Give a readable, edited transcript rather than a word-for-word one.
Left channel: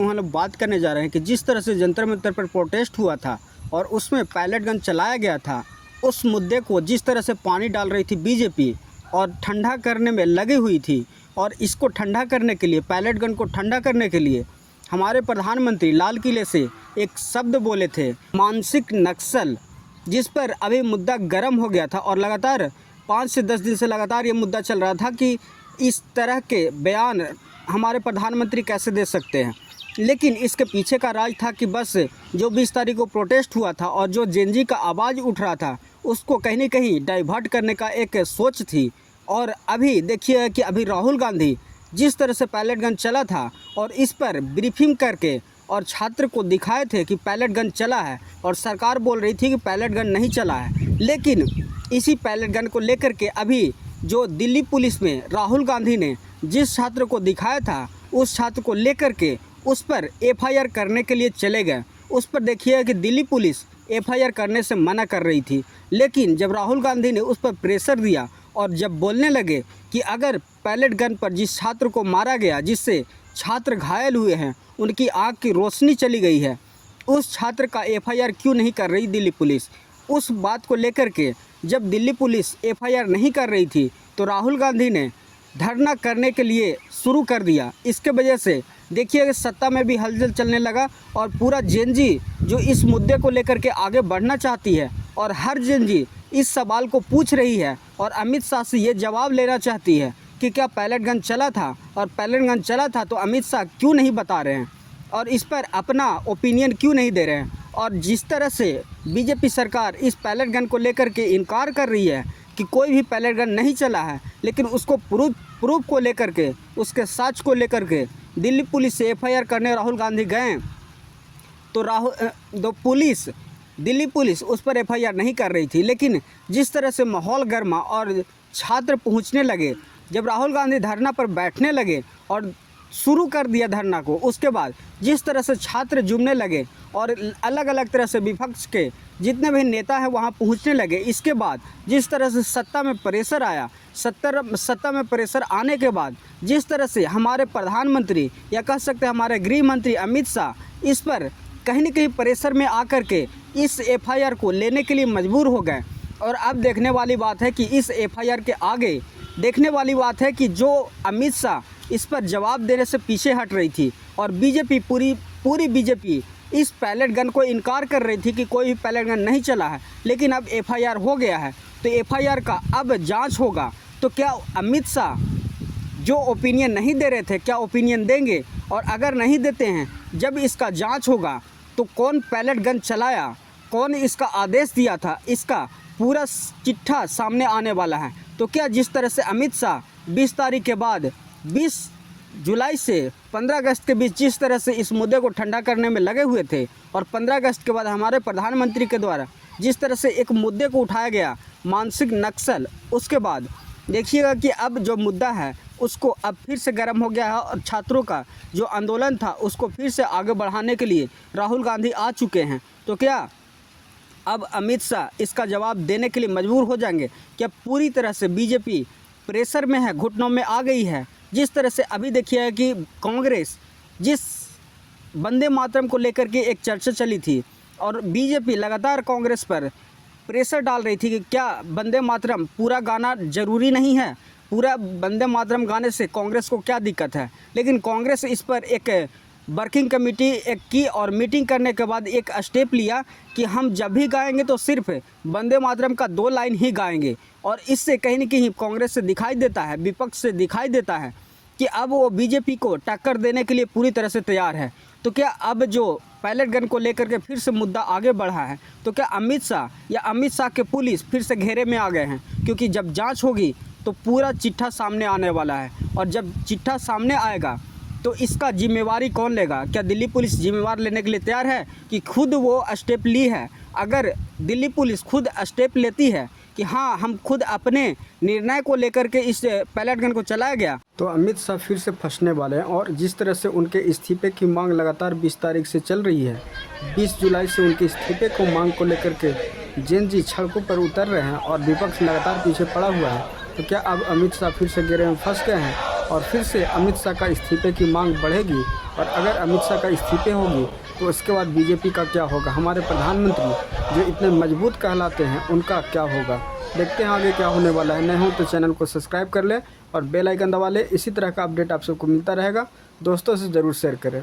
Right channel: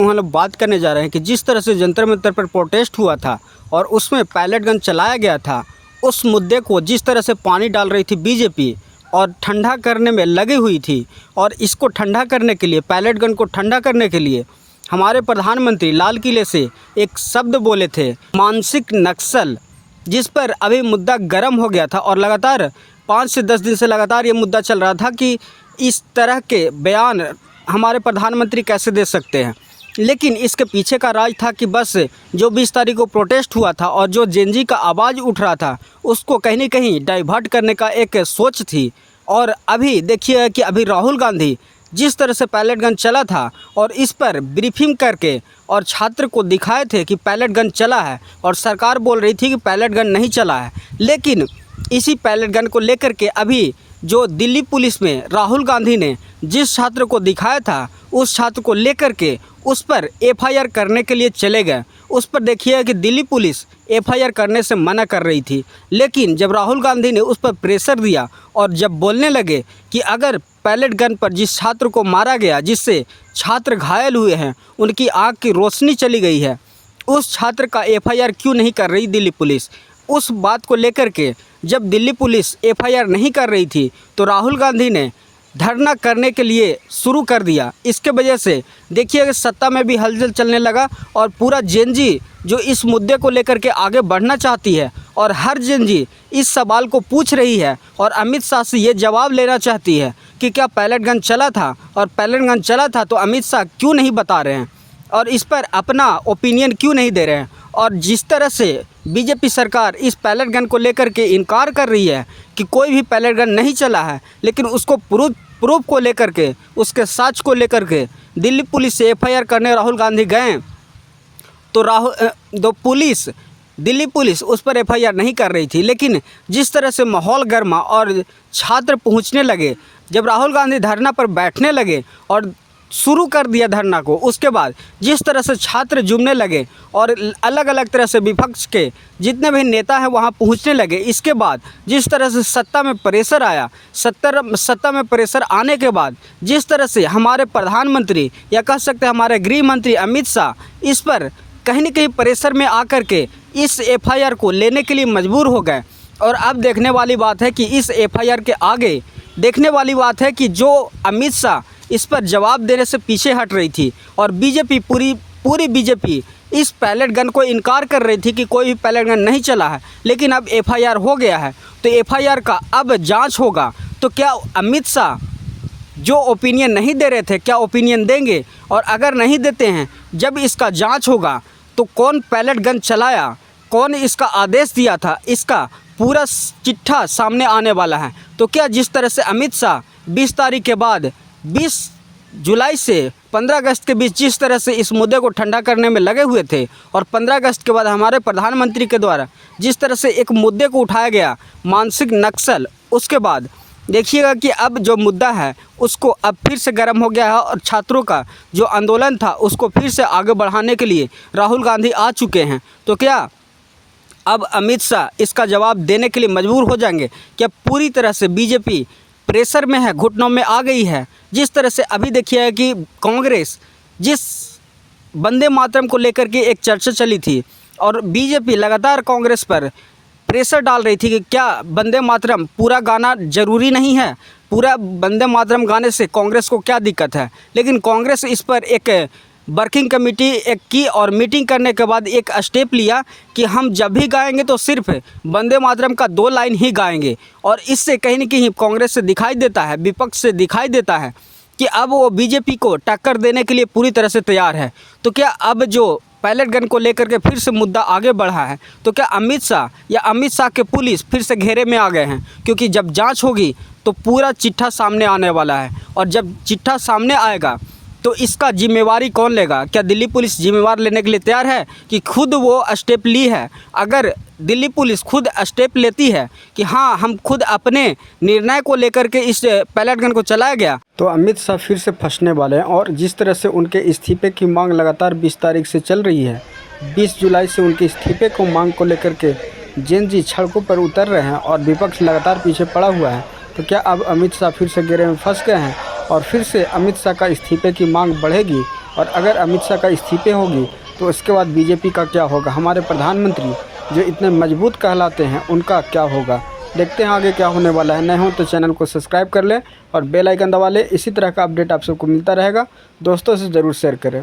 हम लोग बात करने जा रहे हैं कि जिस तरह से जंतर मंतर पर प्रोटेस्ट हुआ था और उसमें पैलेट गन चलाया गया था, उस मुद्दे को जिस तरह से पानी डाल रही थी बीजेपी और ठंडा करने में लगी हुई थी, और इसको ठंडा करने के लिए, पैलेट गन को ठंडा करने के लिए हमारे प्रधानमंत्री लाल किले से एक शब्द बोले थे, मानसिक नक्सल, जिस पर अभी मुद्दा गर्म हो गया था। और लगातार 5 से 10 दिन से लगातार ये मुद्दा चल रहा था कि इस तरह के बयान हमारे प्रधानमंत्री कैसे दे सकते हैं। लेकिन इसके पीछे का राज था कि बस जो 20 तारीख को प्रोटेस्ट हुआ था और जो जेनजी का आवाज़ उठ रहा था, उसको कहीं न कहीं डाइवर्ट करने का एक सोच थी। और अभी देखिए कि अभी राहुल गांधी जिस तरह से पैलेट गन चला था और इस पर ब्रीफिंग करके और छात्र को दिखाए थे कि पैलेट गन चला है, और सरकार बोल रही थी कि पैलेट गन नहीं चला है। लेकिन इसी पैलेट गन को लेकर के अभी जो दिल्ली पुलिस में राहुल गांधी ने जिस छात्र को दिखाया था, उस छात्र को लेकर के उस पर एफआईआर करने के लिए चले गए। उस पर देखिए कि दिल्ली पुलिस एफआईआर करने से मना कर रही थी, लेकिन जब राहुल गांधी ने उस पर प्रेशर दिया और जब बोलने लगे कि अगर पैलेट गन पर जिस छात्र को मारा गया, जिससे छात्र घायल हुए हैं, उनकी आँख की रोशनी चली गई है, उस छात्र का एफआईआर क्यों नहीं कर रही दिल्ली पुलिस। उस बात को लेकर के जब दिल्ली पुलिस एफआईआर नहीं कर रही थी, तो राहुल गांधी ने धरना करने के लिए शुरू कर दिया। इसके वजह से देखिए कि सत्ता में भी हलचल चलने लगा, और पूरा जेनजी जो इस मुद्दे को लेकर के आगे बढ़ना चाहती है, और हर जेनजी इस सवाल को पूछ रही है और अमित शाह से ये जवाब लेना चाहती है कि क्या पैलेट गन चला था, और पैलेट गन चला था तो अमित शाह क्यों नहीं बता रहे हैं और इस पर अपना ओपिनियन क्यों नहीं दे रहे हैं। और जिस तरह से बीजेपी सरकार इस पैलेट गन को लेकर के इनकार कर रही है कि कोई भी पैलेट गन नहीं चला है, लेकिन उसको प्रूफ को लेकर के, उसके साक्ष्य को लेकर के दिल्ली पुलिस से एफआईआर करने राहुल गांधी गए, तो दिल्ली पुलिस उस पर एफआईआर नहीं कर रही थी। लेकिन जिस तरह से माहौल गर्मा और छात्र पहुंचने लगे, जब राहुल गांधी धरना पर बैठने लगे और शुरू कर दिया धरना को, उसके बाद जिस तरह से छात्र जुमने लगे और अलग अलग तरह से विपक्ष के जितने भी नेता हैं वहां पहुंचने लगे। इसके बाद जिस तरह से सत्ता में प्रेशर आया, सत्ता में प्रेशर आने के बाद जिस तरह से हमारे प्रधानमंत्री या कह सकते हैं हमारे गृह मंत्री अमित शाह इस पर कहीं न कहीं प्रेशर में आकर के इस एफआईआर को लेने के लिए मजबूर हो गए। और अब देखने वाली बात है कि इस एफआईआर के आगे देखने वाली बात है कि जो अमित शाह इस पर जवाब देने से पीछे हट रही थी, और बीजेपी पूरी बीजेपी इस पैलेट गन को इनकार कर रही थी कि कोई भी पैलेट गन नहीं चला है। लेकिन अब एफआईआर हो गया है, तो एफआईआर का अब जांच होगा। तो क्या अमित शाह जो ओपिनियन नहीं दे रहे थे, क्या ओपिनियन देंगे? और अगर नहीं देते हैं, जब इसका जांच होगा तो कौन पैलेट गन चलाया, कौन इसका आदेश दिया था, इसका पूरा चिट्ठा सामने आने वाला है। तो क्या जिस तरह से अमित शाह 20 तारीख के बाद 20 जुलाई से 15 अगस्त के बीच जिस तरह से इस मुद्दे को ठंडा करने में लगे हुए थे, और 15 अगस्त के बाद हमारे प्रधानमंत्री के द्वारा जिस तरह से एक मुद्दे को उठाया गया, मानसिक नक्सल, उसके बाद देखिएगा कि अब जो मुद्दा है उसको अब फिर से गर्म हो गया है, और छात्रों का जो आंदोलन था उसको फिर से आगे बढ़ाने के लिए राहुल गांधी आ चुके हैं। तो क्या अब अमित शाह इसका जवाब देने के लिए मजबूर हो जाएंगे? क्या पूरी तरह से बीजेपी प्रेशर में है, घुटनों में आ गई है? जिस तरह से अभी देखिए कि कांग्रेस जिस वंदे मातरम को लेकर के एक चर्चा चली थी, और बीजेपी लगातार कांग्रेस पर प्रेशर डाल रही थी कि क्या वंदे मातरम पूरा गाना ज़रूरी नहीं है, पूरा वंदे मातरम गाने से कांग्रेस को क्या दिक्कत है। लेकिन कांग्रेस इस पर एक वर्किंग कमेटी एक की और मीटिंग करने के बाद एक स्टेप लिया कि हम जब भी गाएंगे तो सिर्फ वंदे मातरम का 2 लाइन ही गाएंगे। और इससे कहीं न कहीं कांग्रेस से दिखाई देता है, विपक्ष से दिखाई देता है कि अब वो बीजेपी को टक्कर देने के लिए पूरी तरह से तैयार है। तो क्या अब जो पैलेट गन को लेकर के फिर से मुद्दा आगे बढ़ा है, तो क्या अमित शाह या अमित शाह के पुलिस फिर से घेरे में आ गए हैं? क्योंकि जब जांच होगी तो पूरा चिट्ठा सामने आने वाला है, और जब चिट्ठा सामने आएगा तो इसका जिम्मेवारी कौन लेगा? क्या दिल्ली पुलिस जिम्मेवार लेने के लिए तैयार है कि खुद वो स्टेप ली है? अगर दिल्ली पुलिस खुद स्टेप लेती है कि हाँ हम खुद अपने निर्णय को लेकर के इस पैलेट गन को चलाया गया, तो अमित शाह फिर से फंसने वाले हैं। और जिस तरह से उनके इस्तीफे की मांग लगातार 20 तारीख से चल रही है, 20 जुलाई से उनके इस्तीफे को मांग को लेकर के जेनजी सड़कों पर उतर रहे हैं और विपक्ष लगातार पीछे पड़ा हुआ है। तो क्या अब अमित शाह फिर से घेरे में फंस गए हैं और फिर से अमित शाह का इस्तीफे की मांग बढ़ेगी और अगर अमित शाह का इस्तीफे होगी तो उसके बाद बीजेपी का क्या होगा, हमारे प्रधानमंत्री जो इतने मजबूत कहलाते हैं उनका क्या होगा। देखते हैं आगे क्या होने वाला है। नए हो तो चैनल को सब्सक्राइब कर लें और बेल आइकन दबा लें। इसी तरह का अपडेट आप सबको मिलता रहेगा। दोस्तों से ज़रूर शेयर करें।